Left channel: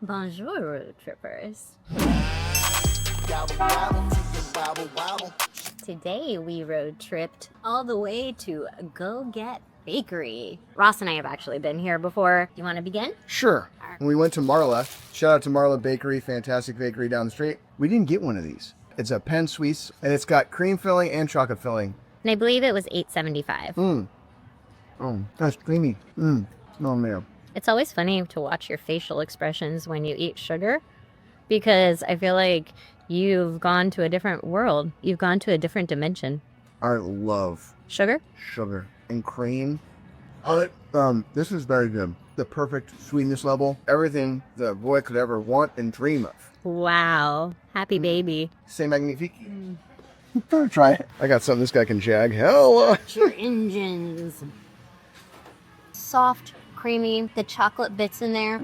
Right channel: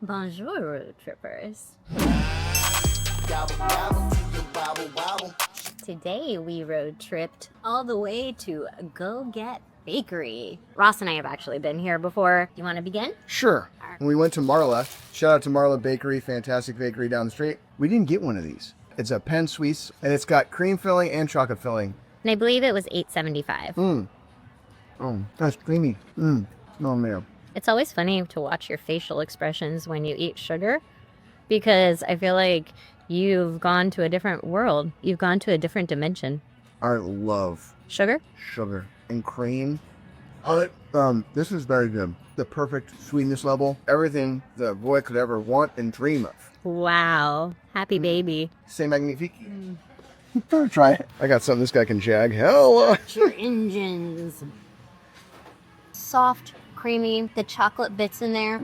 Bonjour, road trippers. Today we road tripped all the way to Goguette Bakery. Ross and I have actually been here before. You want to begin? Sure. When we went to Marla, shout out to Marla Bakery, fantastic bakery down the street. We didn't get one of these. It's a Pen Suisse, and it's got cream filling and chocolate filling. And I believe it was $8.75. Oh, that's creamy. Oh, man. It's always funny to watch your facial expressions when you eat sugar, because I feel like you've gone to a different world. You've gone to a different dimension. I love Sugar? sugar and cream. This is very good. The perfect sweetness level. Everything the boy could ever want and dream of. Wow. Happy baby. C'est magnifique. Try it. I got something this guy can jag. Hell. Your engines. Soft, creamy, the chocolate bits in there.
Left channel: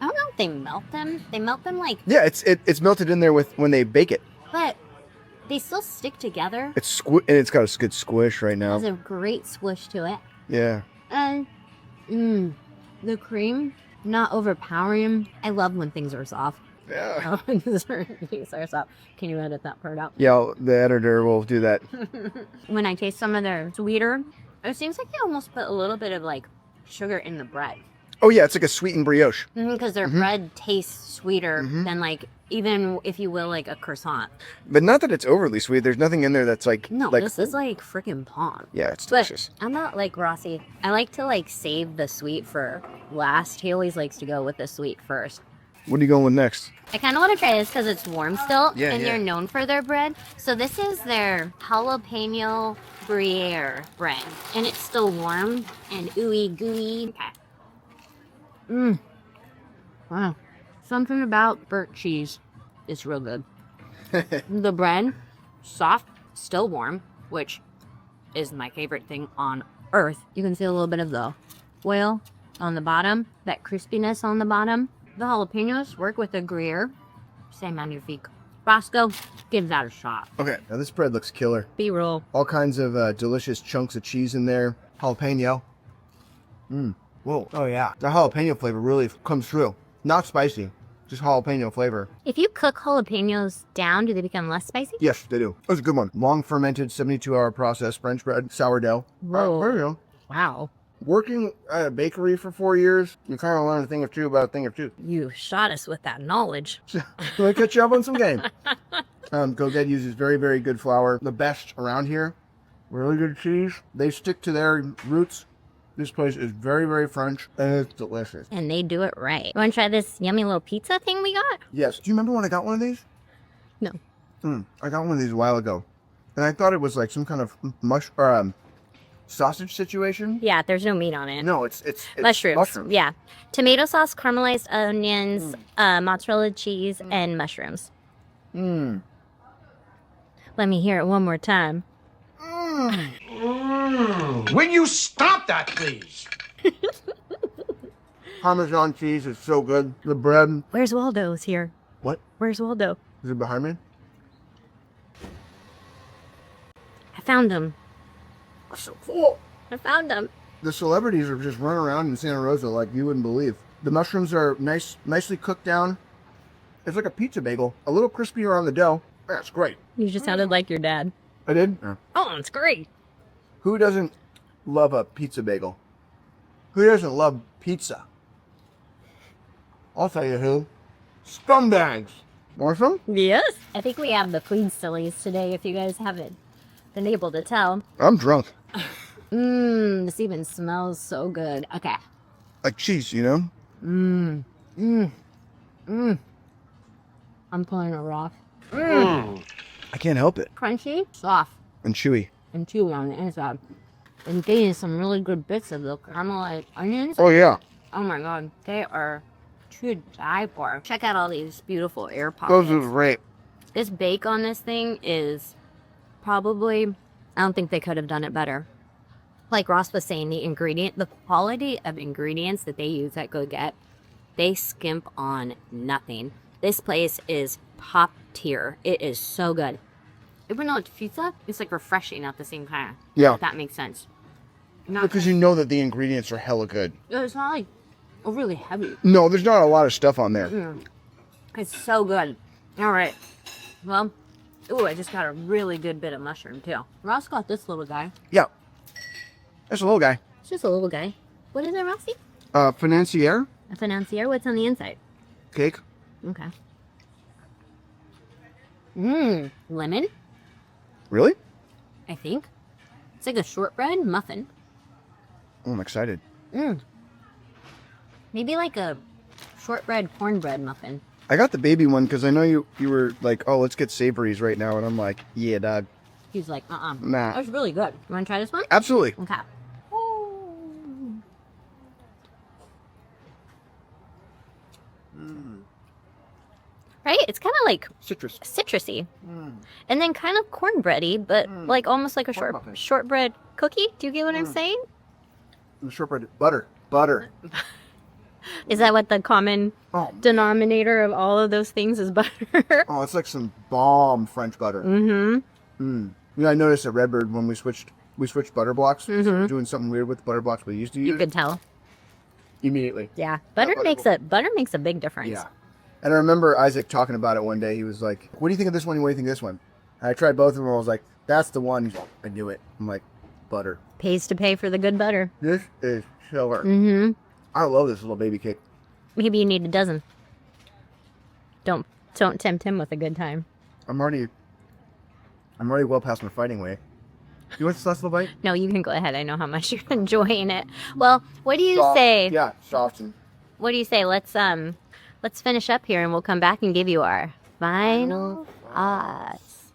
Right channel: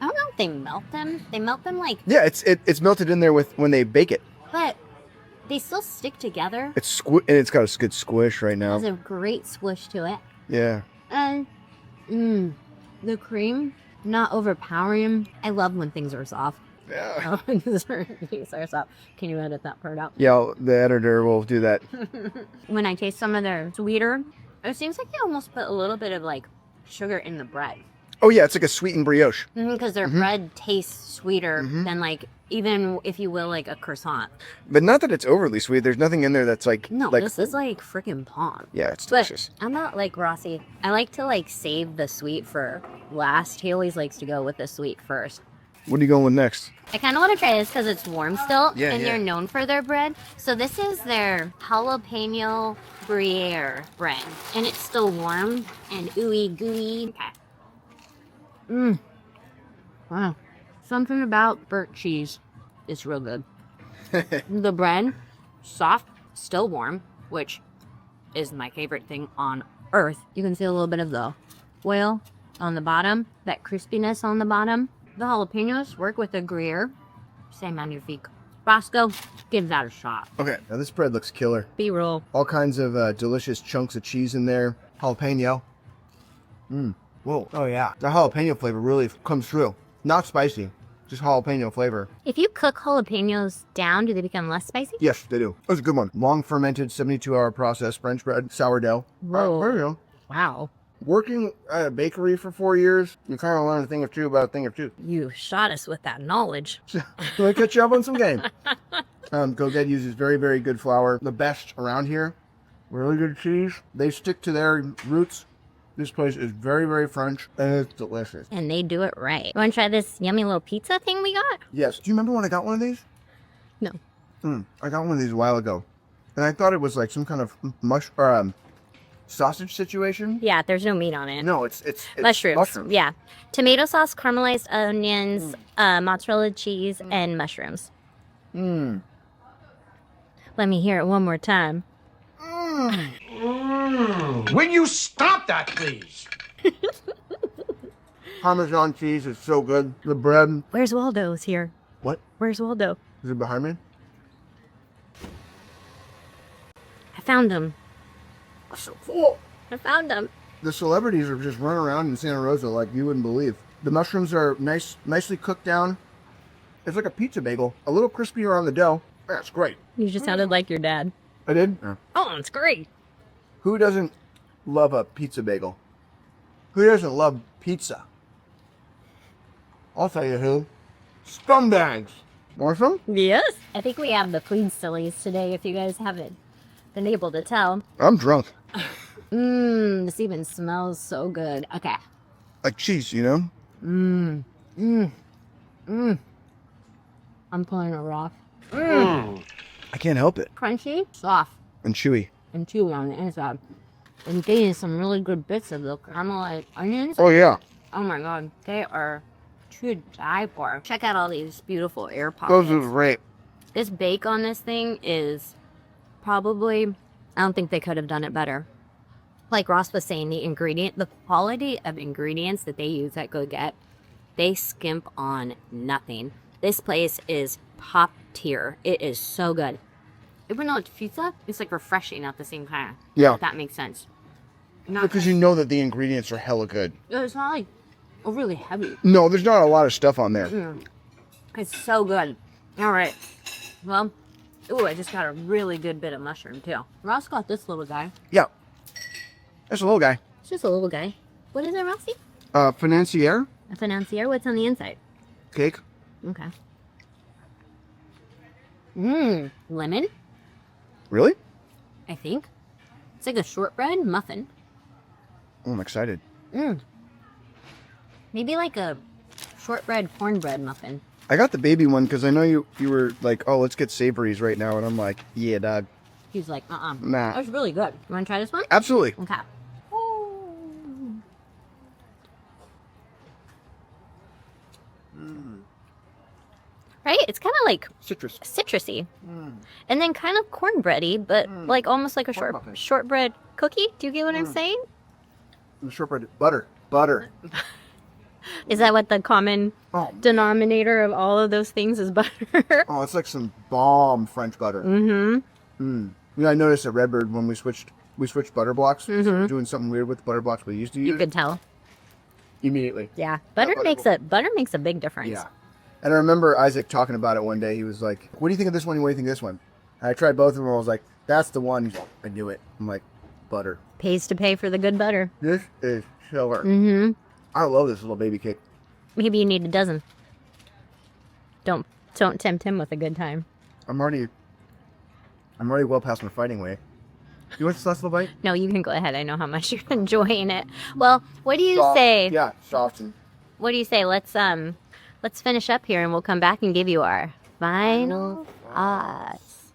I don't know if they melt them. They melt them like... Yeah, it's melted in there when they bake it. But they still stick together. And it's got a good squish right now. There's a great squish to it. Yeah. And the cream, not overpowering. I love when things are soft. Yeah. Things are soft. Can you edit that part out? Yeah, the editor will do that. When I taste some of their sweeter, it seems like they almost put a little bit of like sugar in the bread. Oh yeah, it's like a sweetened brioche. Because their bread tastes sweeter than like, even if you will, like a croissant. But not that it's overly sweet. There's nothing in there that's like... No, like, this is like freaking palm. yeah, it's delicious. But I'm not like Rossi. I like to like save the sweet for last. He always likes to go with the sweet first. What are you going with next? I kind of want to try this because it's warm still, Yeah, and yeah. they're known for their bread. So this is their jalapeno Gruyere bread, and it's still warm and ooey gooey. Okay. Wow. Something about burnt cheese is real good. The bread, soft, still warm, which is my favorite thing on earth. You can see a little bit of the oil on the bottom, that crispiness on the bottom. The jalapenos work with the Gruyere. C'est magnifique. Roscoe, give that a shot. Okay, now this bread looks killer. B-roll. All kinds of delicious chunks of cheese in there. Jalapeno. Whoa. Oh yeah. The jalapeno flavor really comes through. Not spicy, just jalapeno flavor. If you cook jalapenos down, do they become less spicy? Yes, they do. That was a good one. Long fermented, 72-hour process French bread, sourdough. Whoa. There you go. Wow. Working at a bakery for 4 years, you kind of learn a thing or two about a thing or two. You shot us with that knowledge. Let me catch you up on some game. Goguette uses very, very good flour. The best around here. Really good cheese. They stick to their roots. This place is very, very French, and it's delicious. And they do it right. You want to try this yummy little pizza thing we got? Yes. Do you remember when I got one of these? No. I got one of these a while ago, and I thought it was like some kind of sausage situation. Yeah, there's no meat on it. No, it's Mushrooms. Yeah. Tomato sauce, caramelized onions, mozzarella cheese, and mushrooms. Let me hear it one more time. Will you stop that, please? Parmesan cheese is so good. The bread. Where's Waldo's here? What? Where's Waldo? Is it behind me? I found him. So cool. I found him. The celebrities are just running around in Santa Rosa like you wouldn't believe. The mushrooms are nicely cooked down. It's like a pizza bagel. A little crispier on the dough. That's great. You just sounded like your dad. I did? Yeah. Oh, it's great. Who doesn't love a pizza bagel? Who doesn't love pizza? I'll tell you who. Scumbags. Want some? Yes. I think we have the food sillies today, if you guys haven't been able to tell. I'm drunk. This even smells so good. Okay. Like cheese, you know? I'm pulling it raw. I can't help it. Crunchy, soft, And chewy. and chewy on the inside. And getting some really good bits of the caramelized onions. Oh, yeah. Oh my god, they are to die for. Check out all these beautiful air pockets. Those are great. This bake on this thing is probably, I don't think they could have done it better. Like Ross was saying, the quality of ingredients that they use at Goguette, they skimp on nothing. This place is top tier. It is so good. Even though it's pizza, it's like refreshing at the same time. Yeah. If that makes sense. Because you know that the ingredients are hella good. It's not like overly heavy. No, there's not a lot of stuff on there. It's so good. All right. Well, ooh, I just got a really good bit of mushroom too. Ross got this little guy. Yeah. That's a little guy. It's just a little guy. What is it, Rossi? Financier. A financier. What's on the inside? Cake. Okay. Lemon, Really? I think. It's like a shortbread muffin. Oh, I'm excited. Maybe like a shortbread cornbread muffin. I got the baby one because I know you were like, oh, let's get savories right now. And I'm like, yeah, dog. He's like, Nah. That was really good. You want to try this one? Absolutely. Okay. Right? It's kind of like Citrus. citrusy. And then kind of cornbready, but like almost like a muffin. shortbread cookie. Do you get what I'm saying? The shortbread. Butter. Is that what the common Oh. denominator of all of those things is, butter? Oh, it's like some bomb French butter. You know, I noticed at Redbird when we switched butter blocks, doing something weird with the butter blocks we used to use. You could tell. Immediately. Yeah, butter makes a big difference. Yeah. And I remember Isaac talking about it one day. He was like, what do you think of this one? What do you think of this one? And I tried both of them. I was like, that's the one. He's like, I knew it. I'm like, butter. Pays to pay for the good butter. This is killer. Mm-hmm. I love this little baby cake. Maybe you need a dozen. Don't tempt him with a good time. I'm already well past my fighting weight. You want this last little bite? No, you can go ahead. I know how much you're enjoying it. Well, what do you Soft. say? Yeah, soft and... What do you say? Let's finish up here and we'll come back and give you our final thoughts.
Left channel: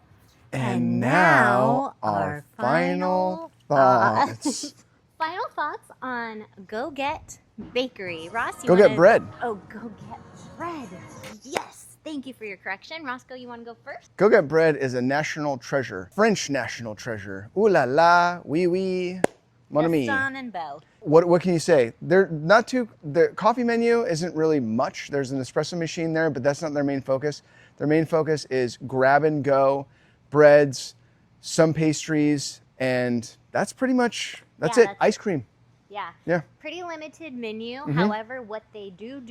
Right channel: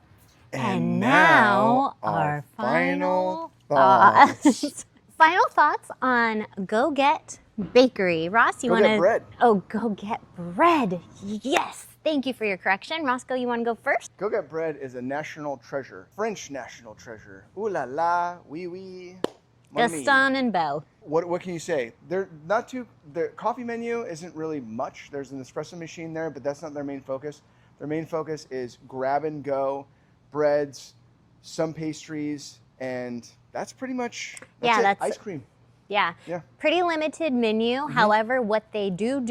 And now, our final thoughts. Final thoughts on Goguette Bakery. Ross, you want to... Goguette Bread. Oh, Goguette Bread. Yes. Thank you for your correction. Roscoe, you want to go first? Goguette Bread is a national treasure. French national treasure. Ooh la la, oui oui. Mon ami. Gaston and Belle. What can you say? The coffee menu isn't really much. There's an espresso machine there, but that's not their main focus. Their main focus is grab and go, breads, some pastries, and that's pretty much, that's it. Ice cream. Yeah. Pretty limited menu. However, what they do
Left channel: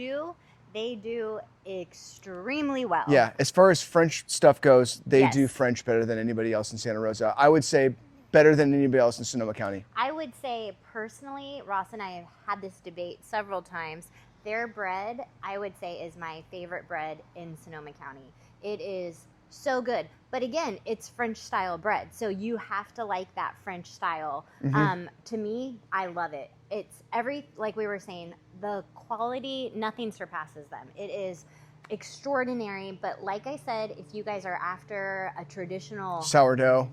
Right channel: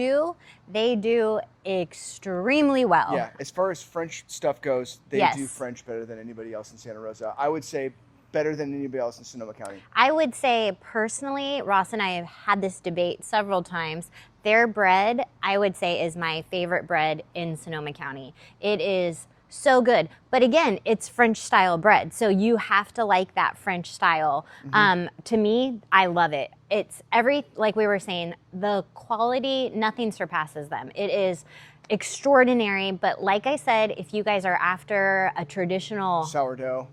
extremely well. Yeah, as far as French stuff goes, they Yes. do French better than anybody else in Santa Rosa. I would say better than anybody else in Sonoma County. I would say personally, Ross and I have had this debate several times. Their bread, I would say, is my favorite bread in Sonoma County. It is so good. But again, it's French style bread. So you have to like that French style. To me, I love it. It's like we were saying, the quality, nothing surpasses them. It is extraordinary. But like I said, if you guys are after a traditional Sourdough,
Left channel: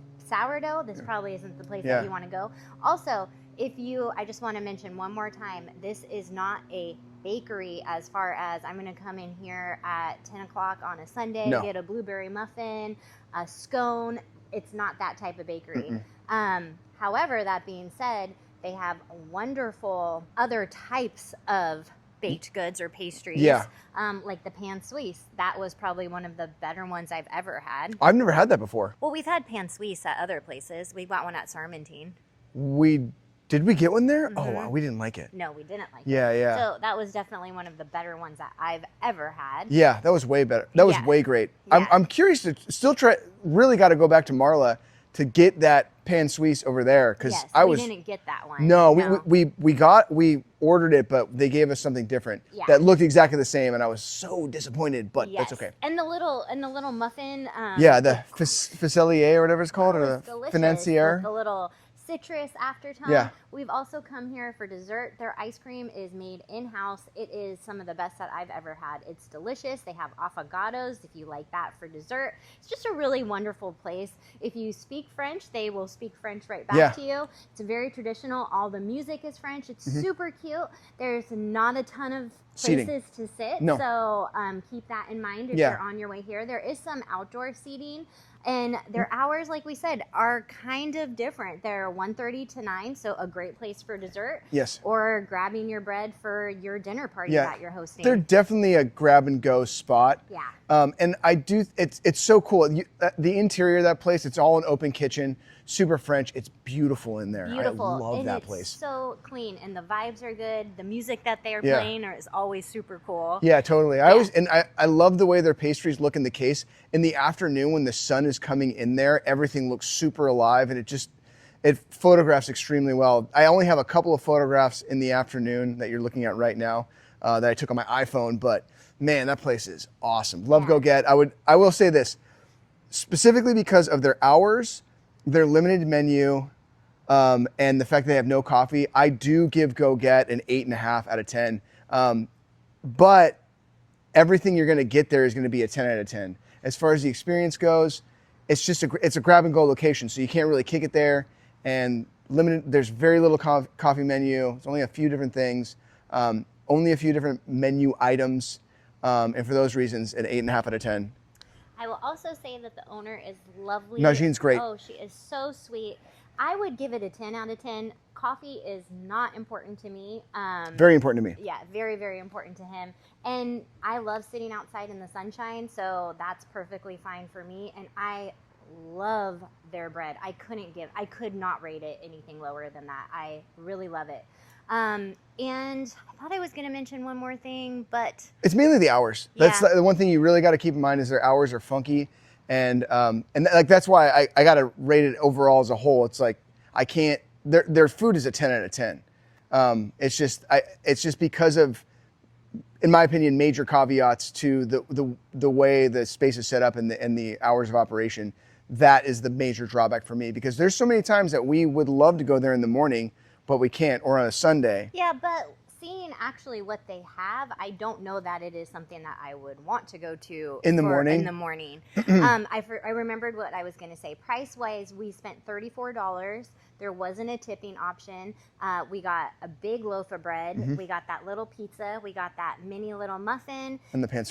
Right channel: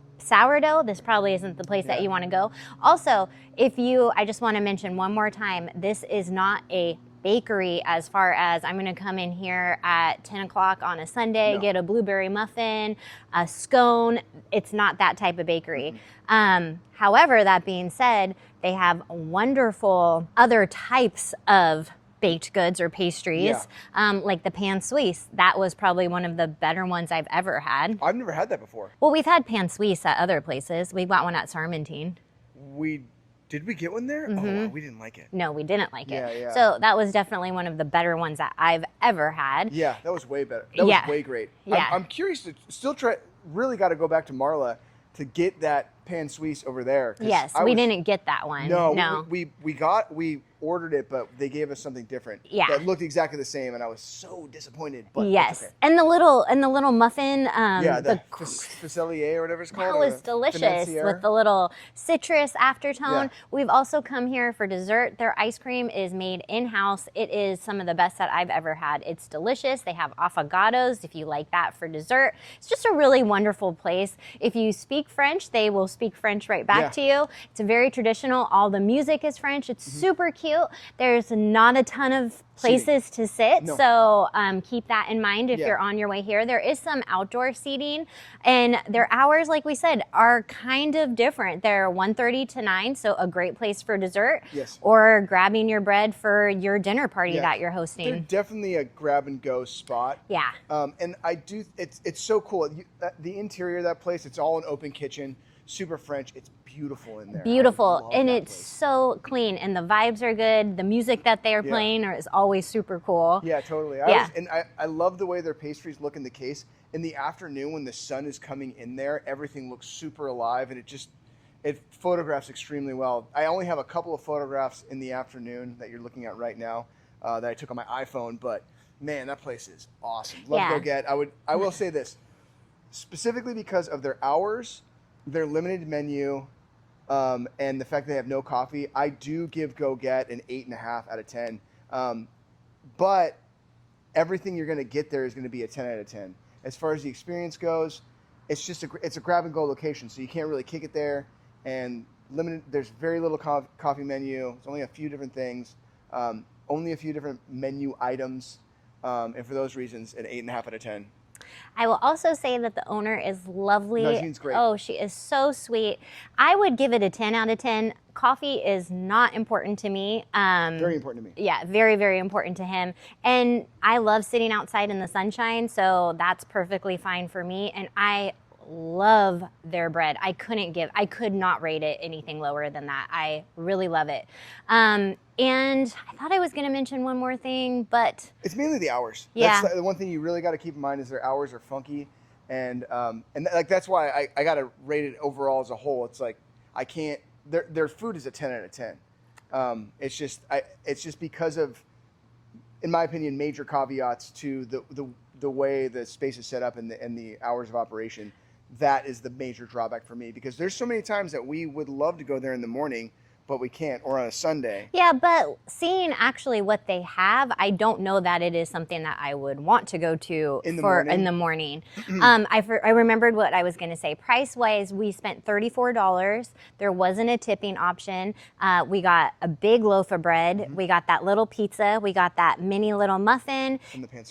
this probably isn't the place that you want to go. Also, I just want to mention one more time, this is not a bakery as far as I'm going to come in here at 10 o'clock on a Sunday, get a blueberry muffin, a scone. It's not that type of bakery. However, that being said, they have wonderful other types of baked goods or pastries, like the pan suisse. That was probably one of the better ones I've ever had. I've never had that before. Well, we've had pan suisse at other places. We got one at Sarmentine. Did we get one there? Oh, wow, we didn't like it. No, we didn't like it. Yeah. So that was definitely one of the better ones that I've ever had. Yeah, that was way better. That was way great. Yeah. I'm curious to still try, really got to go back to Marla to get that pan suisse over there. Yes, we didn't get that one. No, we ordered it, but they gave us something different that looked exactly the same, and I was so disappointed, but that's okay. And the little muffin. The facelier or whatever it's called. That or was delicious financier. with the little citrus aftertone. Yeah. We've also come here for dessert. Their ice cream is made in-house. It is some of the best that I've ever had. It's delicious. They have affogatos if you like that for dessert. It's just a really wonderful place. If you speak French, they will speak French right back to you. It's very traditional. All the music is French. It's super cute. There's not a ton of places to sit, so keep that in mind if you're on your way here. There is some outdoor seating, and their hours, like we said, are kind of different. They're 1:30 to 9, so a great place for dessert. Yes. Or grabbing your bread for your dinner party that you're hosting. They're definitely a grab and go spot. Yeah. And it's so cool. The interior of that place, it's all an open kitchen. super French. It's beautiful in there. Beautiful, I love and that it's place. so clean, and the vibes are good. The music that they are playing is always super cool. Yeah, totally. I love the way their pastries look in the case. In the afternoon when the sun is coming in there, everything looks super alive, and it photographs extremely well. I only have a couple of photographs in the afternoon that you're looking at right now that I took on my iPhone, but man, that place is awesome. Love Goguette. I will say this, specifically because of their hours, their limited menu, and the fact that they have no coffee, I do give Goguette an 8.5 out of 10. But everything you're going to get there is going to be a 10 out of 10. As far as the experience goes, it's a grab and go location, so you can't really kick it there. And there's very little coffee menu. It's only a few different things, only a few different menu items, and for those reasons, an 8.5 out of 10. I will also say that the owner is lovely. Najean's great. Oh, she is so sweet. I would give it a 10 out of 10. Coffee is not important to me. Very important to me. Yeah, very, very important to him. And I love sitting outside in the sunshine, so that's perfectly fine for me. And I love their bread. I could not rate it anything lower than that. I really love it. And I thought I was going to mention one more thing, but it's mainly the hours. Yeah. That's the one thing you really got to keep in mind is their hours are funky, and like that's why I got to rate it overall as a whole. It's like I can't. Their food is a 10 out of 10. It's just because of, in my opinion, major caveats to the way the space is set up and the hours of operation. That is the major drawback for me, because there's so many times that we would love to go there in the morning, but we can't, or on a Sunday. Yeah, but seeing actually what they have, I don't know that it is something that I would want to go to in the morning. I remembered what I was going to say. Price-wise, we spent $34. There wasn't a tipping option. We got a big loaf of bread. We got that little pizza. We got that mini little muffin. And the pan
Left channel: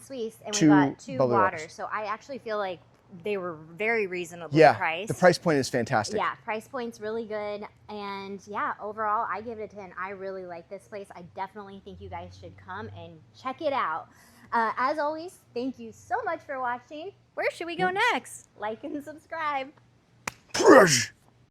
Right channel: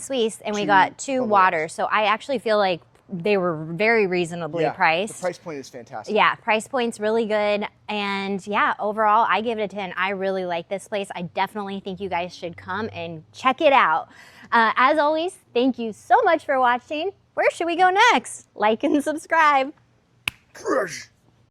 suisse. And we got 2 waters. So I actually feel like they were very reasonably priced. The price point is fantastic. Yeah, price point's really good. And yeah, overall, I give it a 10. I really like this place. I definitely think you guys should come and check it out. As always, thank you so much for watching. Where should we go next? Like and subscribe. Crush!